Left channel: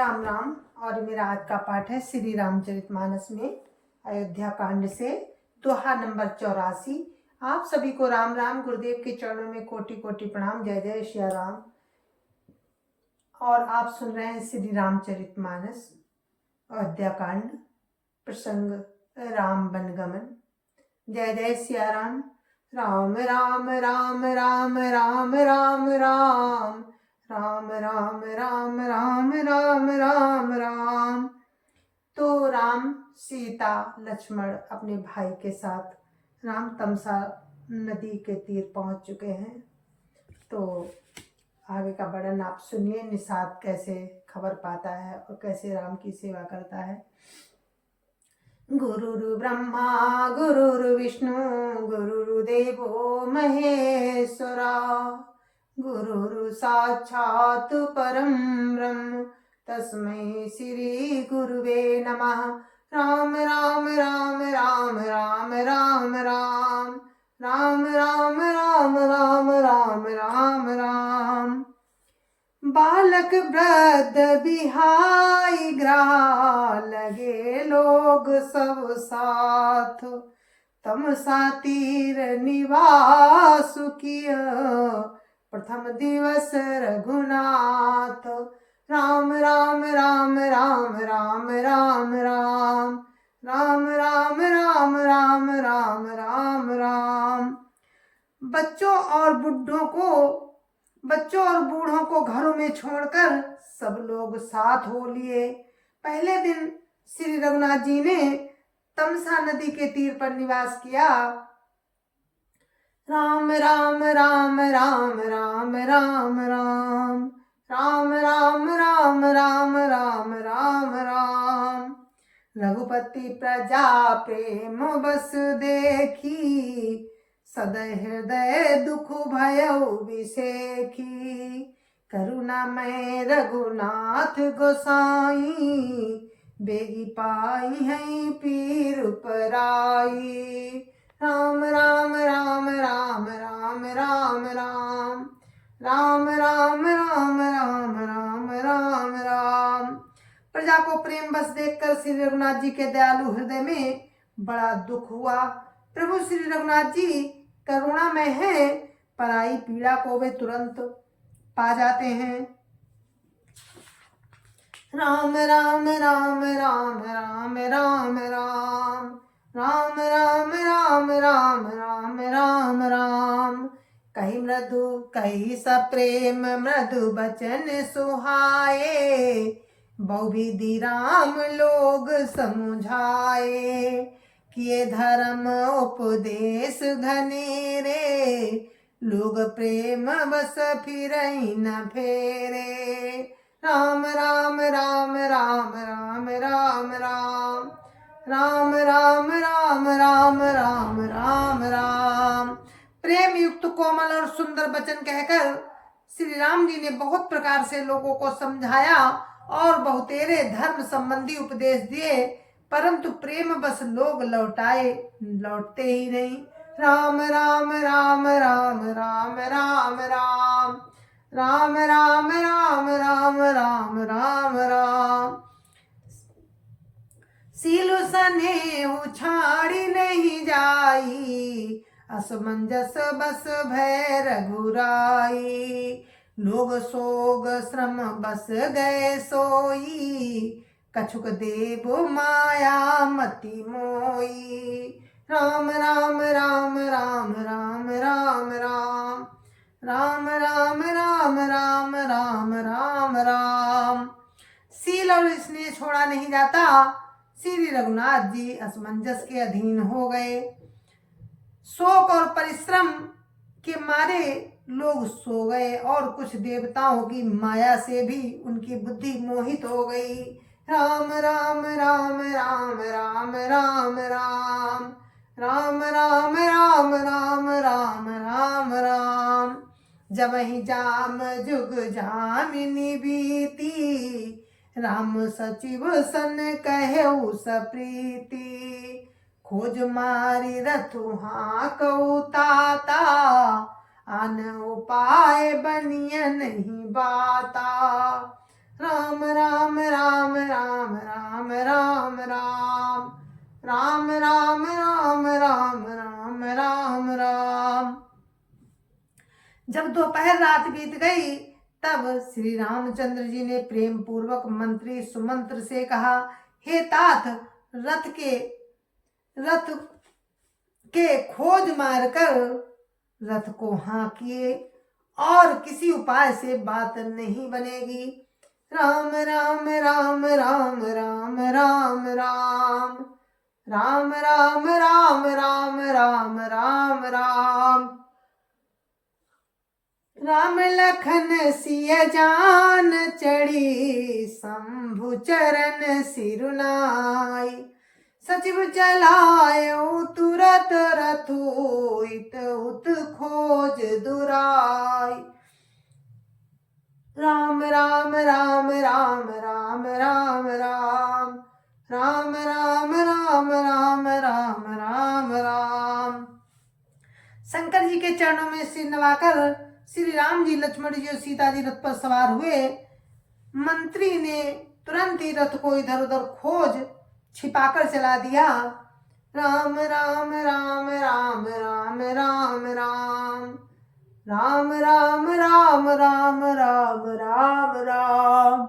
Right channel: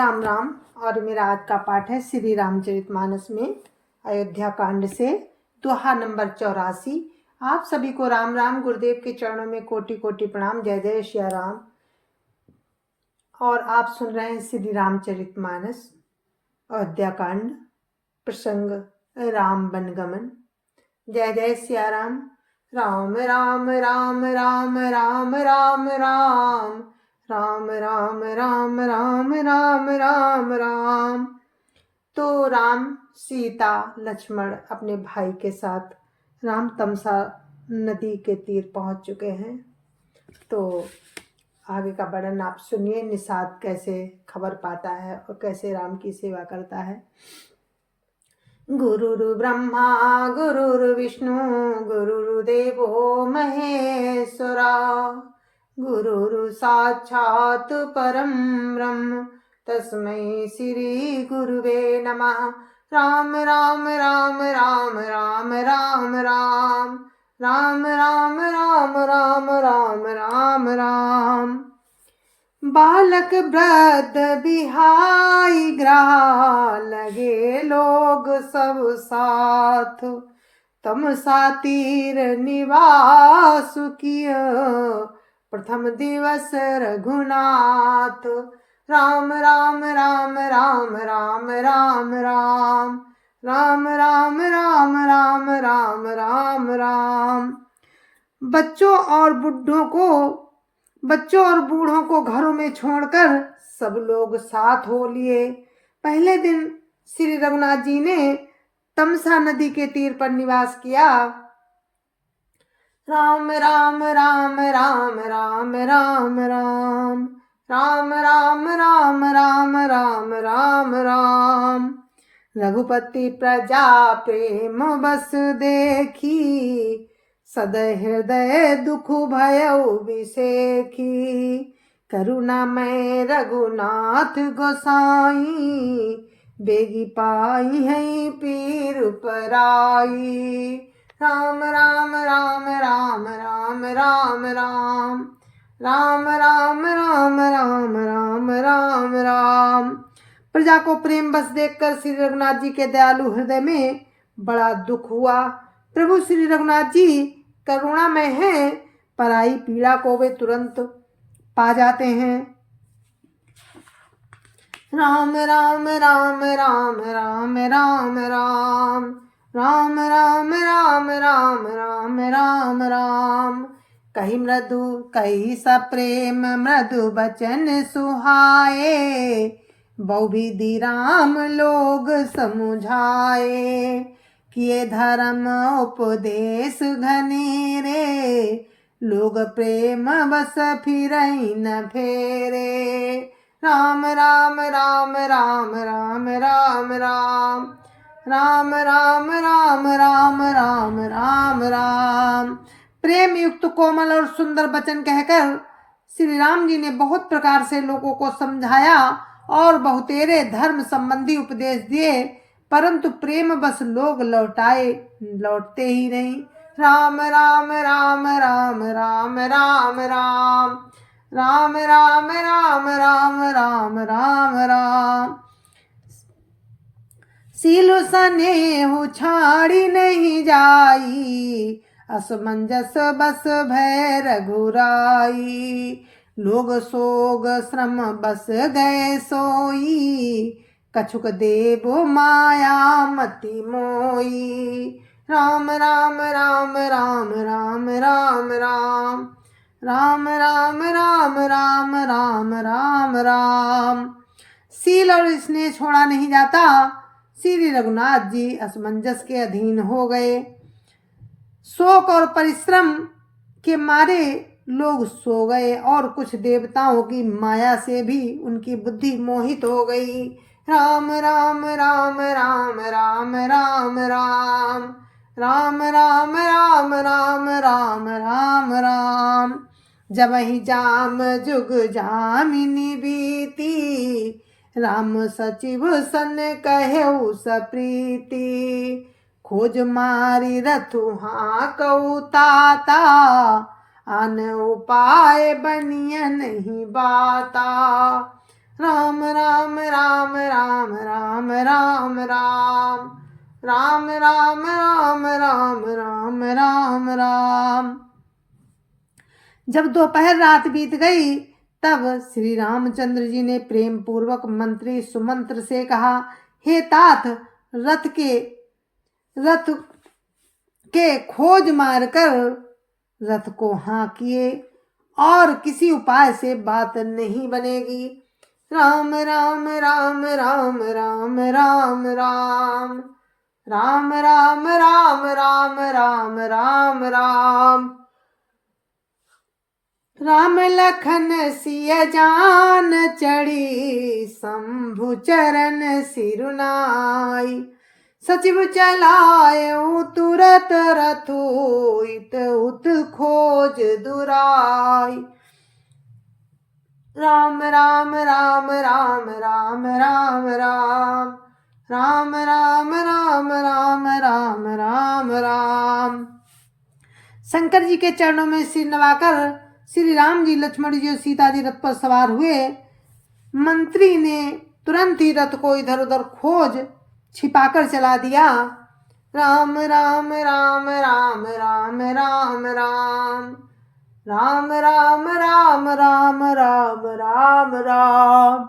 राम राम। और मेरा आज का पाठ है श्री रामचरितमानस में अयोध्या कांड से दोहा नंबर 84। आप सभी को राम राम। गुरुदेव के चरणों में कोटि कोटि प्रणाम। जय जय श्री राम। और आप सुन रहे हैं श्री रामचरितमानस अयोध्या कांड, प्रसंग राम वनगमन। जय जय सिया राम। राम राम राम राम राम राम राम राम राम राम राम राम राम राम। तो राम, सीता, लक्ष्मण अपने भाई के साथ राम तमसा नदी के तीर पहुंच चुके हैं। तो आगे का वर्णन आप सुनिए। निषाद कैसे खबर पाता है और कैसे राम की सेवा करता है। गुरुर् ब्रह्मा गुरुर्विष्णु गुरुर्देवो महेश्वरा, गुरुर् साक्षात् परं ब्रह्म तस्मै श्री गुरुवे नमः। राम राम राम राम राम राम राम राम राम राम राम राम राम राम। बालक वृद्ध बिहाई ग्राह, लगे लोग सब साथ। तमसा तीर निवास किया, प्रथम दिवस रघुनाथ। राम राम राम राम राम राम राम राम राम राम राम राम राम राम। बच्चों और बूढ़ों को घरों में छोड़कर सब लोग साथ हो लिए। पहले दिन श्री रघुनाथ जी ने तमसा नदी के तीर पर निवास किया। राम राम राम राम राम राम राम राम राम राम राम राम राम राम। रघुपति प्रजा प्रेम बस देखी, सदै हृदय दुख भयउ विसेखी। करुणामय रघुनाथ गोसाई, बेगी पाई है पीर पराई। राम राम राम राम राम राम राम राम राम राम राम राम राम राम। प्रजा को प्रेम बस देखकर श्री रघुनाथ जी के दयालु हृदय में बड़ा दुख हुआ। प्रभु श्री रघुनाथ जी करुणामय है, पराई पीड़ा को वे तुरंत पा जाते हैं। राम राम राम राम राम राम राम राम राम राम राम राम राम राम। कही मृदु कही सप्रेम मृदु बचन सुहाए, बहुविधि राम लोग समुझाए। किए धर्म उपदेश घनेरे, लोग प्रेम बस फिरहि न फेरे। राम राम राम राम राम राम राम राम राम राम राम राम राम राम। प्रेम युक्त कोमल और सुंदर वचन कहकर श्री राम जी ने बहुत प्रकार से लोगों को समझाया और बहुतेरे धर्म संबंधी उपदेश दिए, परंतु प्रेम बस लोग लौटते ही नहीं। राम राम राम राम राम राम राम राम राम राम राम राम राम राम। सीलु सनेहु छाड़ी नहीं जाई, असमंजस बस भय रघुराई। लोग सोग श्रम बस गए सोई, कछुक देव माया मति मोई। राम राम राम राम राम राम राम राम राम राम राम राम राम राम। सील और स्नेह छोड़ा नहीं जाता। श्री रघुनाथ जी असमंजस के अधीन हो गए। शोक और परिश्रम के मारे लोग सो गए और कुछ देवताओं की माया से भी उनकी बुद्धि मोहित हो गई। राम राम राम राम राम राम राम राम राम राम राम राम राम राम। जब ही जाम जुग जामिनी बीती, राम सचिव सन कहु सप्रीति। खोज मारी रथु हाँकऊ ताता, आन उपाय बनिय नहीं बाता। राम राम राम राम राम राम राम राम राम। जब दोपहर रात बीत गई तब श्री रामचंद्र जी ने प्रेम पूर्वक मंत्री सुमंत्र से कहा, हे तात, रथ के खोज मारकर रथ को हाँकिए और किसी उपाय से बात नहीं बनेगी। राम राम राम राम राम राम राम राम राम राम राम राम राम राम। राम लखन सिय जान चढ़ी, शंभु चरण सिरुनाई। सचिव चलायऊ तुरत रथु, इत उत खोज दुराई। राम राम राम राम राम राम राम राम राम राम राम राम राम राम। शंकर जी के चरणों में सिर नवाकर श्री राम जी, लक्ष्मण जी और सीता जी रथ पर सवार हुए। मंत्री ने तुरंत ही रथ को इधर उधर खोज छिपाकर चला दिया। राम राम राम राम राम राम राम राम राम राम राम राम राम राम।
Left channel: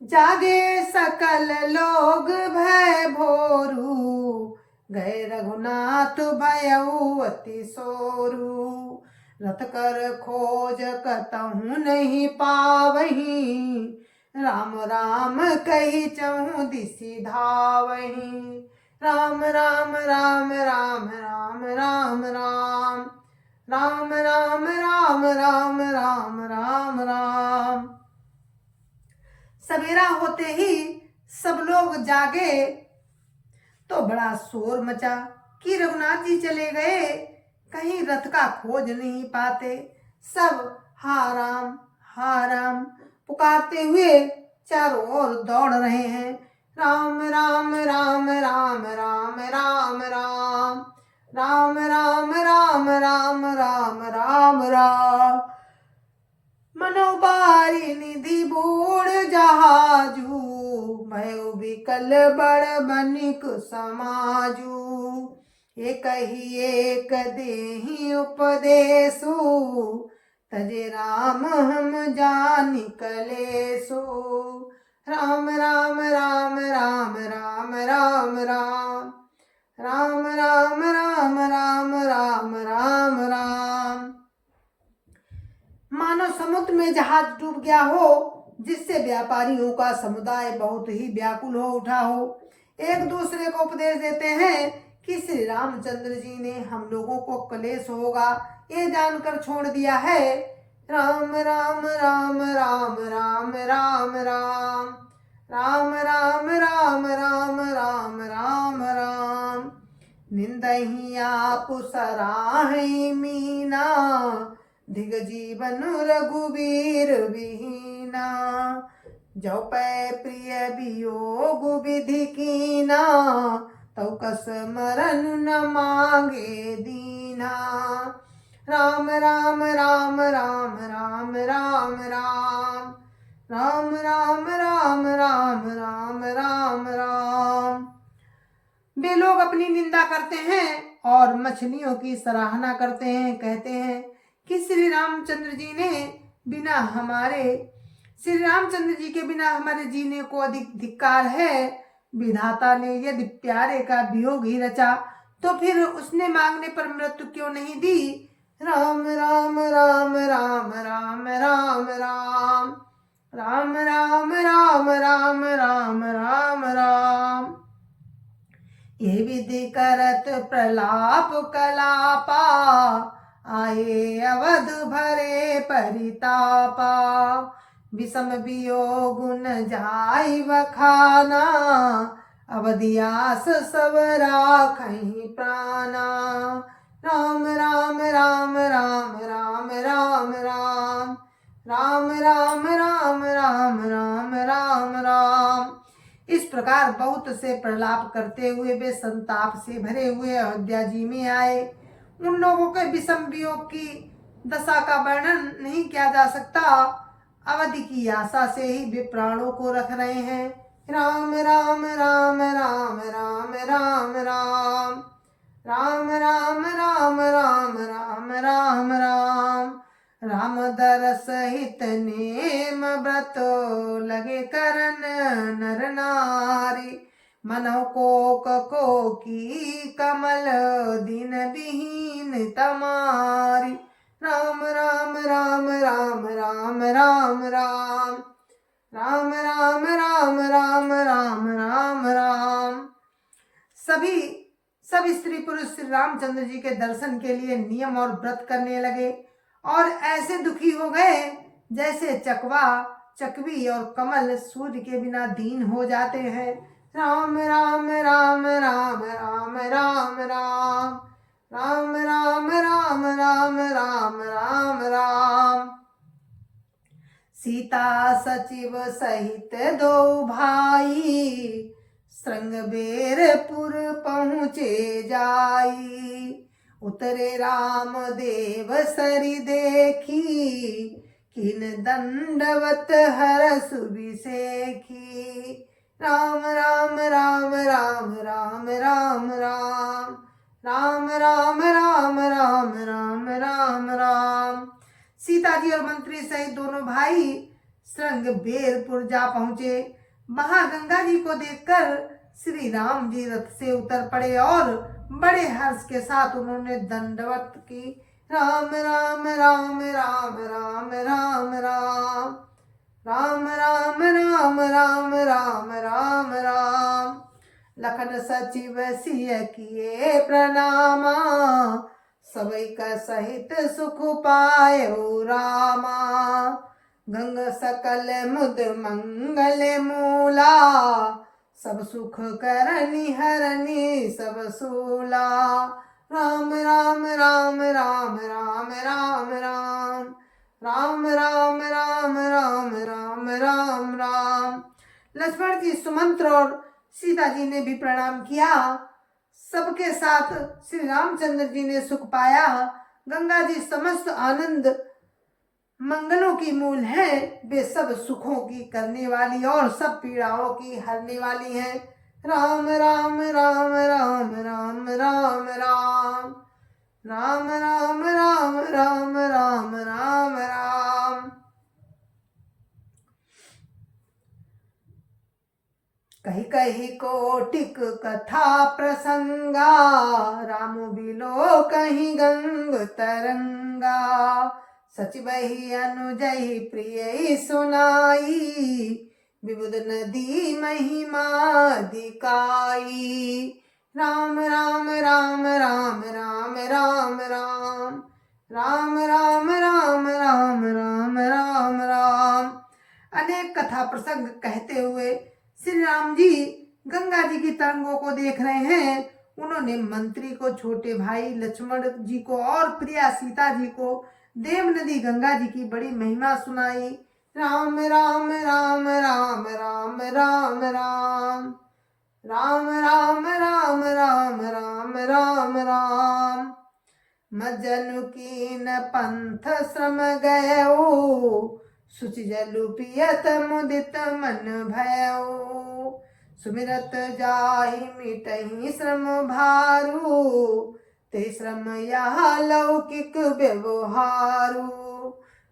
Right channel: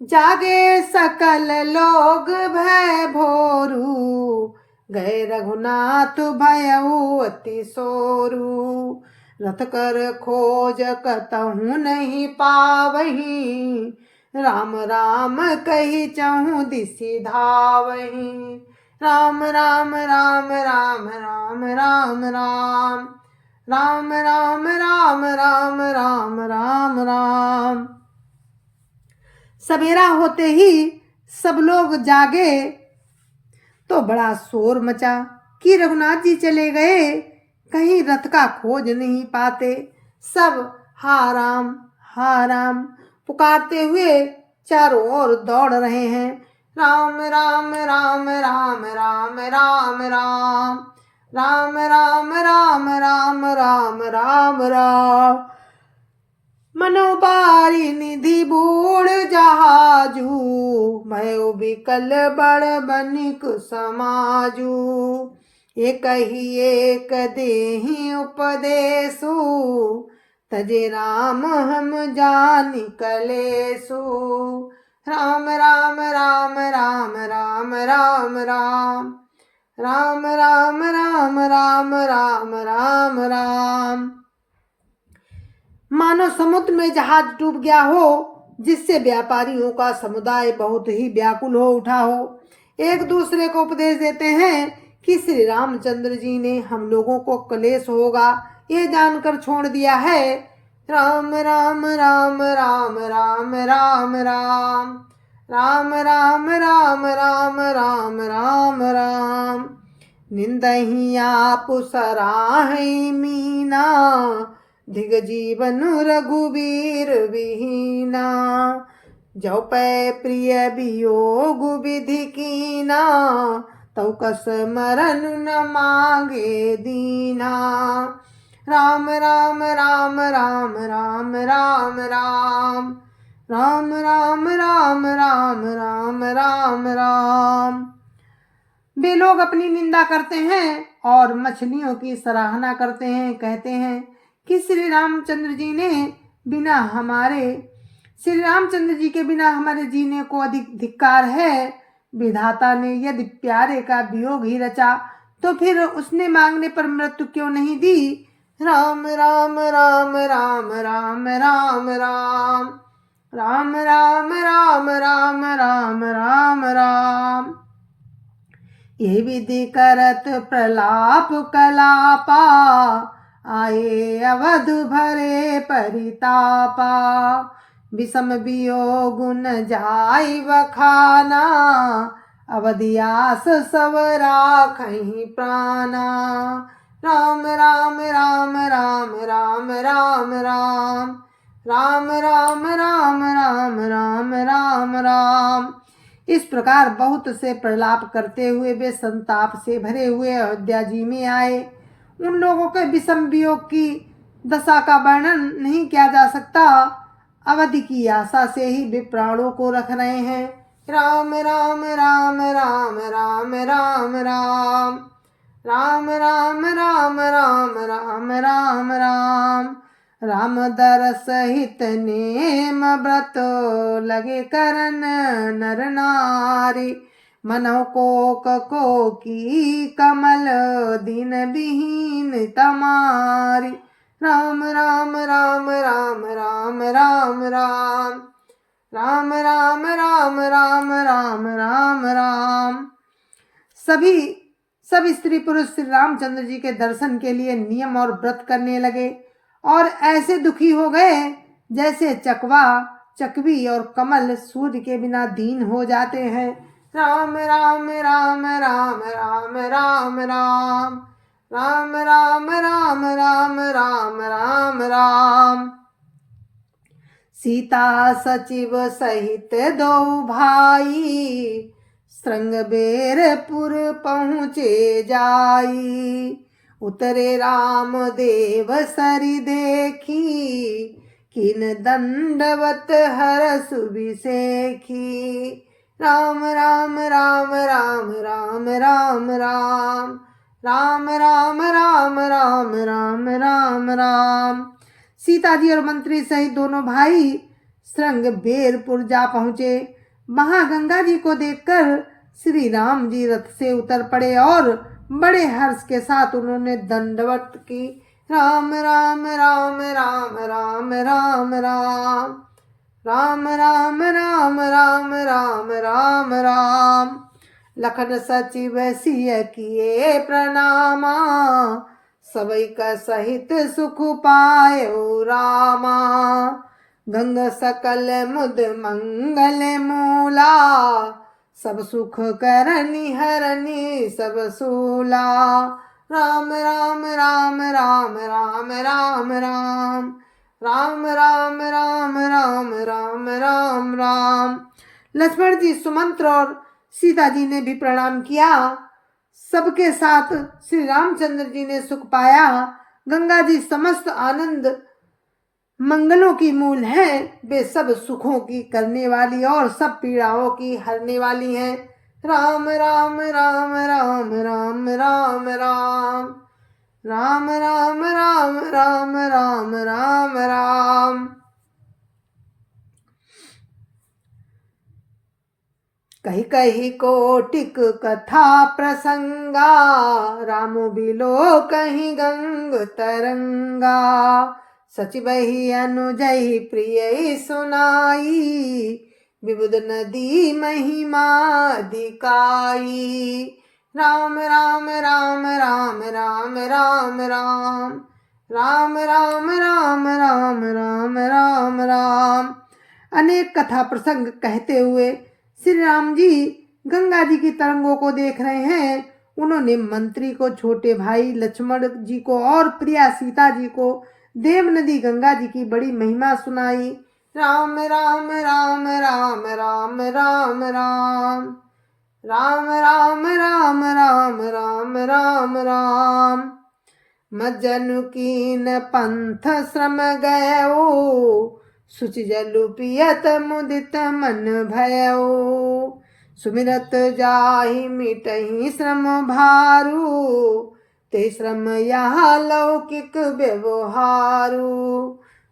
जागे सकल लोग भय भोरू, गए रघुनाथ भयऊ अति सोरू। रथ कर खोज कतहु नहीं पावही, राम राम कही चहु दिसि धावही। राम राम राम राम राम राम राम राम राम राम राम राम राम राम। सवेरा होते ही सब लोग जागे तो बड़ा शोर मचा कि रघुनाथ जी चले गए, कहीं रथ का खोज नहीं पाते। सब हा राम पुकारते हुए चारों ओर दौड़ रहे हैं। राम राम राम राम राम राम राम राम राम राम राम राम राम राम। मनोबारी निधि बूढ़ जहाजू, भयो बिकल बड़ बनिक समाजू। एक ही एक देहि उपदेशु, तजे राम हम जानि कलेसु। राम राम राम राम राम राम राम राम राम राम राम राम राम राम। मानो समुद्र में जहाज डूब गया हो, जिससे व्यापारियों का समुदाय बहुत ही व्याकुल हो उठा हो। एक दूसरे को उपदेश देते हैं कि श्री रामचंद्र जी ने हम लोगों को क्लेश होगा ये जानकर छोड़ दिया है। राम राम राम राम राम राम राम राम राम राम राम राम राम राम। निंदहि आप सराहि मीना, धिग जीवन रघुबीर विहीना। जो पै प्रिय वियोग विधि कीना, तौ कस मरन न मांगे दीना। राम राम राम राम राम राम राम राम राम राम राम राम राम राम। वे लोग अपनी निंदा करते हैं और मछलियों की सराहना करते हैं। कहते हैं कि श्री रामचंद्र जी के बिना हमारे जीने को अधिक धिक्कार है। विधाता ने यदि प्यारे का वियोग ही रचा तो फिर उसने मांगने पर मृत्यु क्यों नहीं दी। राम राम राम राम राम राम राम राम राम राम राम राम राम राम। ये विधि करत प्रलाप कलापा, आए अवध भरे परितापा। विषम वियोग न जाय बखाना, अवधियास सब राखहि प्राणा। राम राम राम राम राम राम राम राम राम राम राम राम राम राम। इस प्रकार बहुत से प्रलाप करते हुए वे संताप से भरे हुए अयोध्या जी में आए। उन लोगों के विषम वियोग की दशा का वर्णन नहीं किया जा सकता। अवधि की आशा से ही वे प्राणों को रख रहे हैं। राम राम राम राम राम राम राम राम राम राम राम राम राम राम राम दरस हित नेम व्रत लगे करन नर नारी मनौ को की कमल दिन विहीन तमारी राम राम राम राम राम राम राम राम राम राम राम राम राम राम। सभी स्त्री पुरुष श्री रामचंद्र जी के दर्शन के लिए नियम और व्रत करने लगे और ऐसे दुखी हो गए जैसे चकवा चकवी और कमल सूर्य के बिना दीन हो जाते हैं। राम राम राम राम राम राम राम राम राम राम राम राम राम राम। सीता सचिव सहित दो भाई श्रृंगबेरपुर पहुँचे जाई उतरे राम देव सरी देखी किन दंडवत हर सुबिसेखी राम राम राम राम राम राम राम राम राम राम राम राम राम राम। सीता जी और मंत्री सहित दोनों भाई श्रृंगबेरपुर जा पहुंचे। महागंगा जी को देखकर श्री राम जी रथ से उतर पड़े और बड़े हर्ष के साथ उन्होंने दंडवत की। राम राम राम राम राम राम राम राम राम राम राम राम राम राम। लखन सचिव सिय किए प्रणामा सबैक सहित सुख पायो रामा गंग सकल मुद मंगल मूला सब सुख करनी हरनी सब सूला राम राम राम राम राम राम राम राम राम राम राम राम राम राम। लक्ष्मण जी सुमंत्र और सीता जी ने भी प्रणाम किया। सबके साथ श्री रामचंद्र जी ने सुख पाया। गंगा जी समस्त आनंद मंगलों की मूल है। वे सब सुखों की करने वाली और सब पीड़ाओं की हरने वाली है। राम राम राम राम राम राम राम राम राम राम राम राम राम राम। कही कही कोटिक कथा प्रसंगा राम बिलो कहीं गंग तरंगा सचिवहि अनुजहि प्रिय सुनाई विबुध नदी महिमा दिकाई राम राम राम राम राम राम राम राम राम राम राम राम राम राम। अनेक कथा प्रसंग कहते हुए श्री राम जी गंगा जी की तरंगों को देख रहे हैं। उन्होंने मंत्री को, छोटे भाई लक्ष्मण जी को और प्रिया सीता जी को देव नदी गंगा जी की बड़ी महिमा सुनाई। राम राम राम राम राम राम राम राम राम राम राम राम राम राम। मज्जनु कीन पंथ श्रम गयो सुचि जलु पियत मुदित मन भयो सुमिरत जाहि मिटहि श्रम भारू ते श्रम यहाँ लौकिक व्यवहारू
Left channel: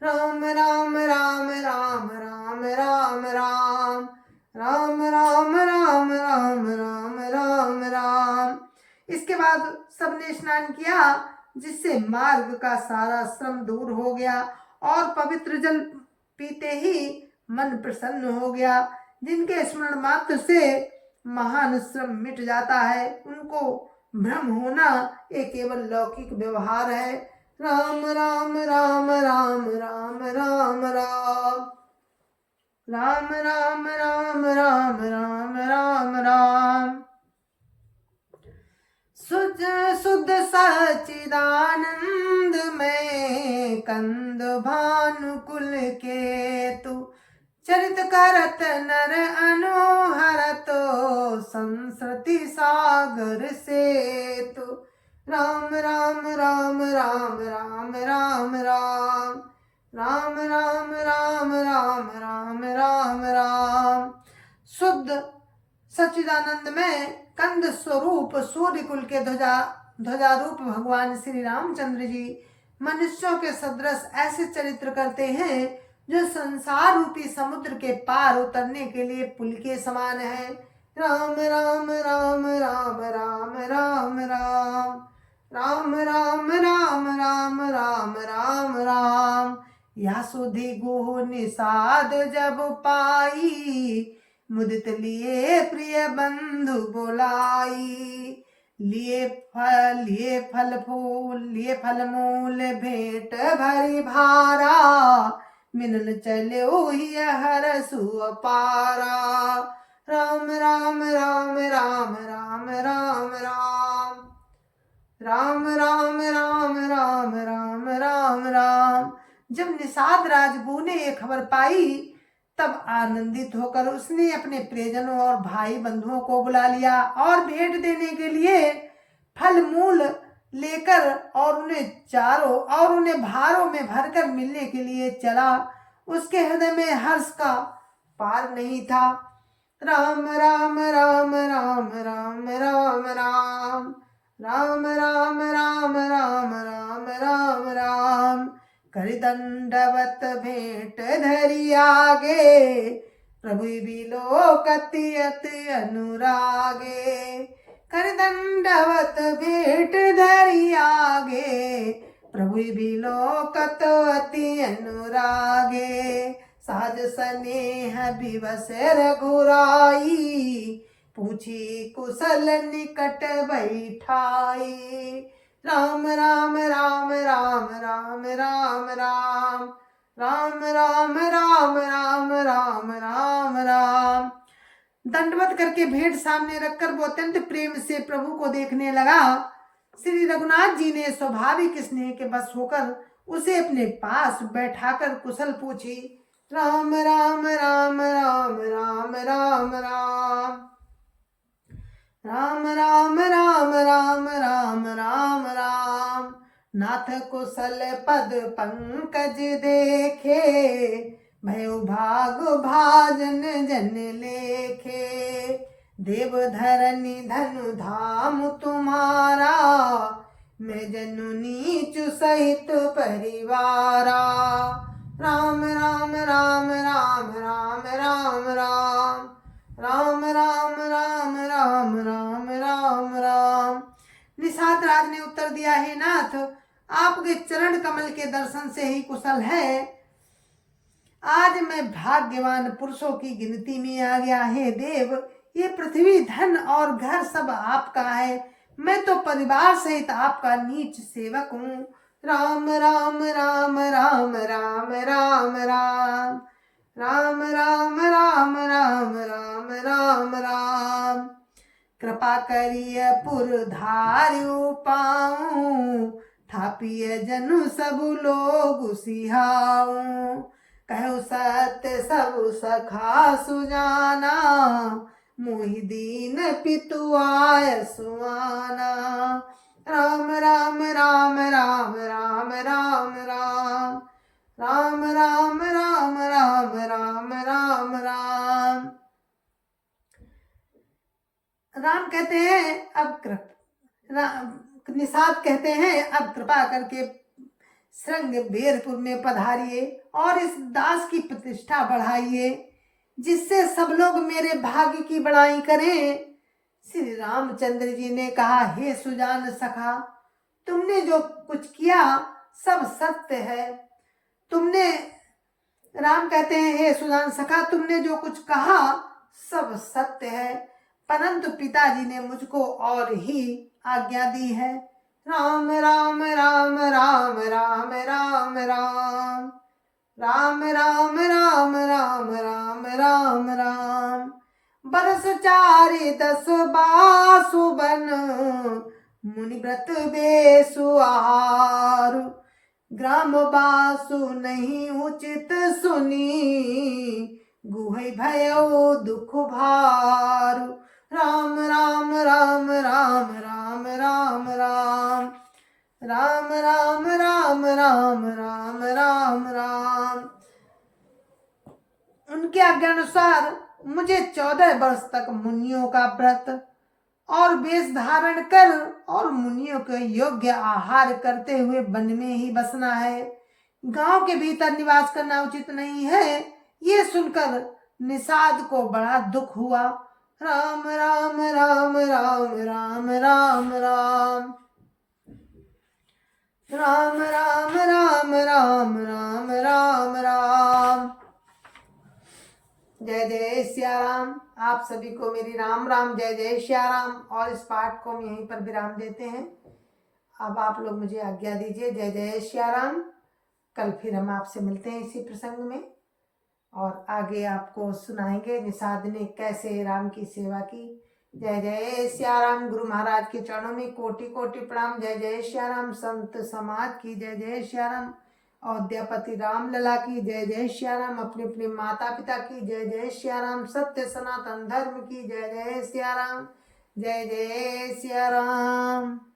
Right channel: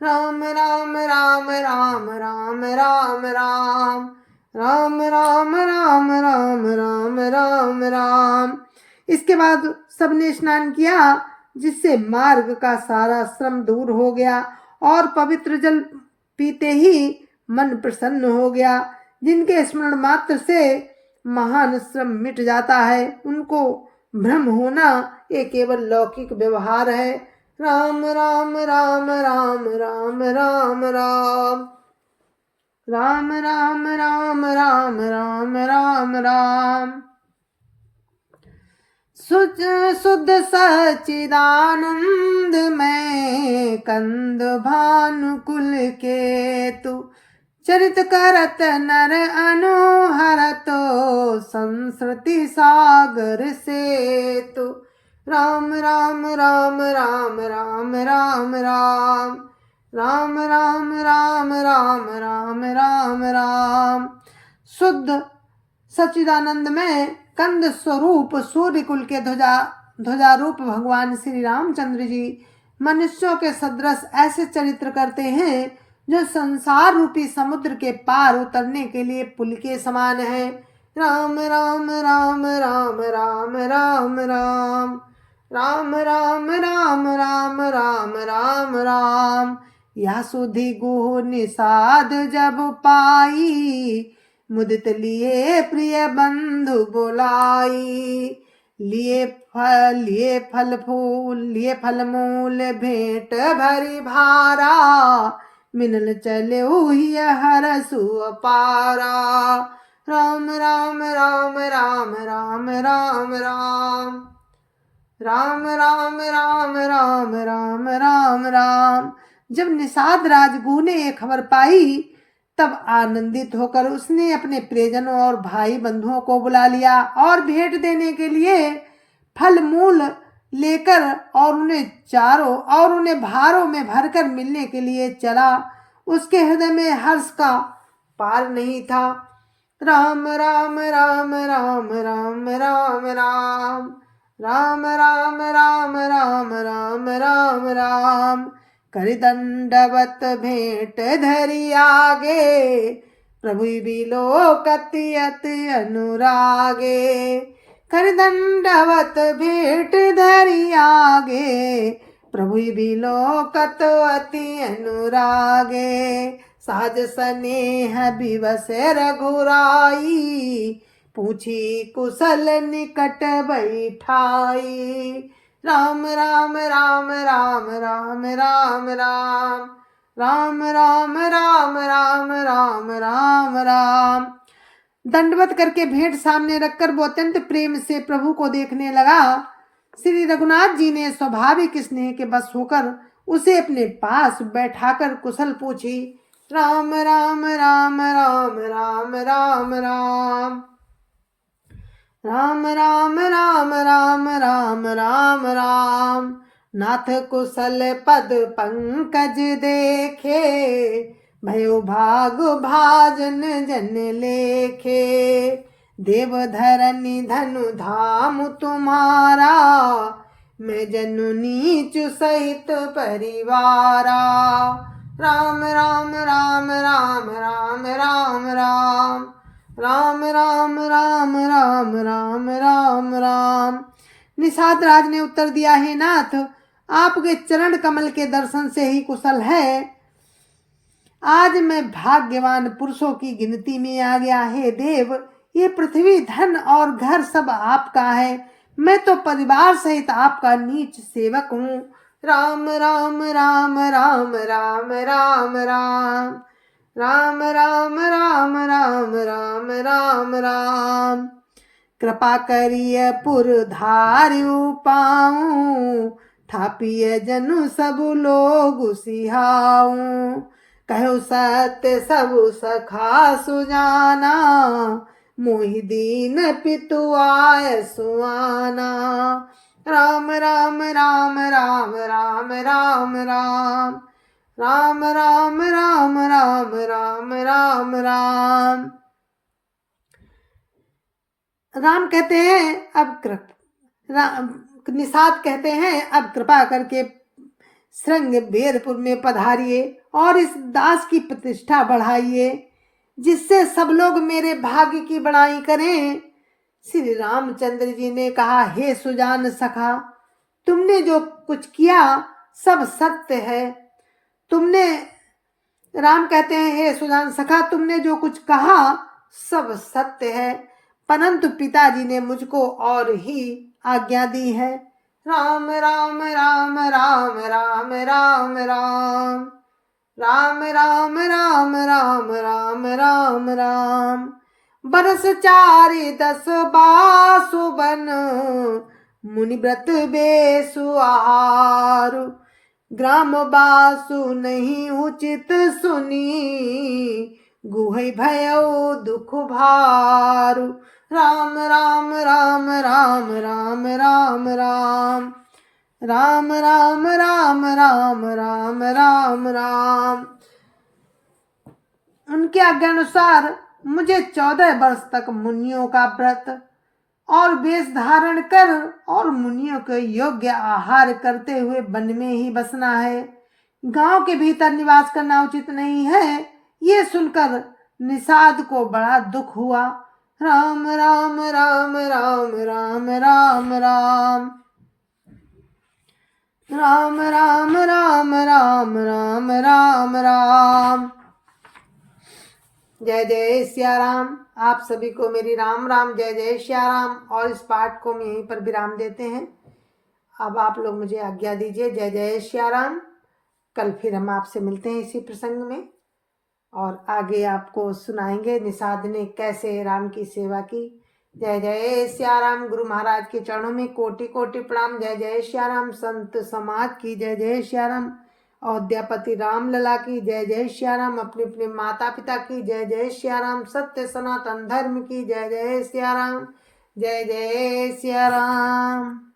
राम राम राम राम राम राम राम राम राम राम राम राम राम राम। इसके बाद सबने स्नान किया जिससे मार्ग का सारा श्रम दूर हो गया और पवित्र जल पीते ही मन प्रसन्न हो गया। जिनके स्मरण मात्र से महान श्रम मिट जाता है उनको भ्रम होना ये केवल लौकिक व्यवहार है। राम राम राम राम राम राम राम राम राम राम राम राम राम राम। शुद्ध सच्चिदानंद में कंद भानुकुल के तु चरित करत नर अनुहरत संस्कृति सागर से तु राम राम राम राम राम राम राम राम राम राम राम राम राम राम। शुद्ध सच्चिदानंद में कंद स्वरूप सूर्य कुल के ध्वजारूप भगवान श्री रामचंद्र जी मनुष्यों के सदृश ऐसे चरित्र करते हैं जो संसार रूपी समुद्र के पार उतरने के लिए पुल के समान है। राम राम राम राम राम राम राम राम राम राम राम राम राम राम। यह सुधि गुह निषाद जब पाई, मुदित लिए प्रिय बंधु बुलाई। लिए फल फूल लिए फल मूल भेंट भरी भारा, मिनल चले हरसु अपारा। राम राम राम राम राम राम राम राम राम राम राम राम राम राम। जब निषाद राजगुरु ने ये खबर पाई तब आनंदित होकर उसने अपने प्रियजनों और भाई बंधुओं को बुला लिया और भेंट देने के लिए फल मूल लेकर और उन्हें भारों में भरकर मिलने के लिए चला। उसके हृदय में हर्ष का पार नहीं था। राम राम राम राम राम राम राम राम राम राम राम राम राम राम। कर दंडवत भेंट धरि आगे, प्रभु बिलोकति अति अनुरागे। कर दंडवत भेंट धरि आगे, प्रभु बिलोकत अति अनुरागे। सहज स्नेह विवश रघुराई, पूछी कुशल निकट बैठाई। राम राम राम राम राम राम राम राम राम राम राम राम राम राम। दंडवत करके भेंट सामने रखकर वो अत्यंत प्रेम से प्रभु को देखने लगा। श्री रघुनाथ जी ने स्वाभाविक स्नेह के बस होकर उसे अपने पास बैठाकर कुशल पूछी। राम राम राम राम राम राम राम राम राम राम राम राम राम राम। नाथ कुशल पद पंकज देखे, भयो भाग भाजन जन लेखे। देव धरनी धनु धाम तुम्हारा, मैं जनु नीचु सहित परिवारा। राम राम राम राम राम राम राम राम राम राम राम राम राम राम। निषाद राज ने उत्तर दिया, हे नाथ, आपके चरण कमल के दर्शन से ही कुशल है। आज मैं भाग्यवान पुरुषों की गिनती में आ गया। हे देव, ये पृथ्वी धन और घर सब आपका है, मैं तो परिवार सहित आपका नीच सेवक हूँ। राम राम राम राम राम राम राम राम राम राम राम राम राम राम। कृपा करिय पुर धार्यु पाऊं, थापिय जनु सब लोग सिहाऊं। कहो सत्य सब सखा सुजाना, मोहि दीन पितु आय सुआना। राम राम राम राम राम राम राम राम राम राम राम राम राम राम। राम कहते हैं निषाद कहते हैं, अब कृपा करके श्रृंग बेरपुर में पधारिए और इस दास की प्रतिष्ठा बढ़ाइए, जिससे सब लोग मेरे भाग्य की बड़ाई करें। श्री रामचंद्र जी ने कहा, हे सुजान सखा, तुमने जो कुछ किया सब सत्य है। राम कहते हैं, हे सुजान सखा, तुमने जो कुछ कहा सब सत्य है, परंतु पिताजी ने मुझको और ही आज्ञा दी है। राम राम राम राम राम राम राम राम राम राम राम राम राम राम। बरस 4 बासु बन, मुनि व्रत बेसु आहारु। ग्राम बासु नहीं उचित सुनी, गुहे भयो दुख भारु। राम राम राम राम राम राम राम राम राम राम राम राम राम राम। उनके आज्ञानुसार मुझे 14 वर्ष तक मुनियों का व्रत और वेश धारण कर और मुनियों के योग्य आहार करते हुए वन में ही बसना है। गांव के भीतर निवास करना उचित नहीं है। ये सुनकर निषाद को बड़ा दुख हुआ। राम राम राम राम राम राम राम राम राम राम राम राम राम राम। जय जय सिया राम। आप सभी को मेरी राम राम, जय जय सिया राम। और इस पाठ को हम यहीं पर विराम देते हैं। अब आप लोग मुझे आज्ञा दीजिए। जय जय सिया राम। कल फिर हम आपसे मिलते हैं इसी प्रसंग में और आगे आपको सुनाएंगे निषाद ने कैसे राम की सेवा की। जय जय सिया राम। गुरु महाराज के चरणों में कोटि कोटि प्रणाम। जय जय सिया राम। संत समाज की जय जय सिया राम। अयोध्यापति राम लला की जय जय सिया राम। अपने अपने माता पिता की जय जय सिया राम। सत्य सनातन धर्म की जय जय सिया राम। जय जय सिया राम।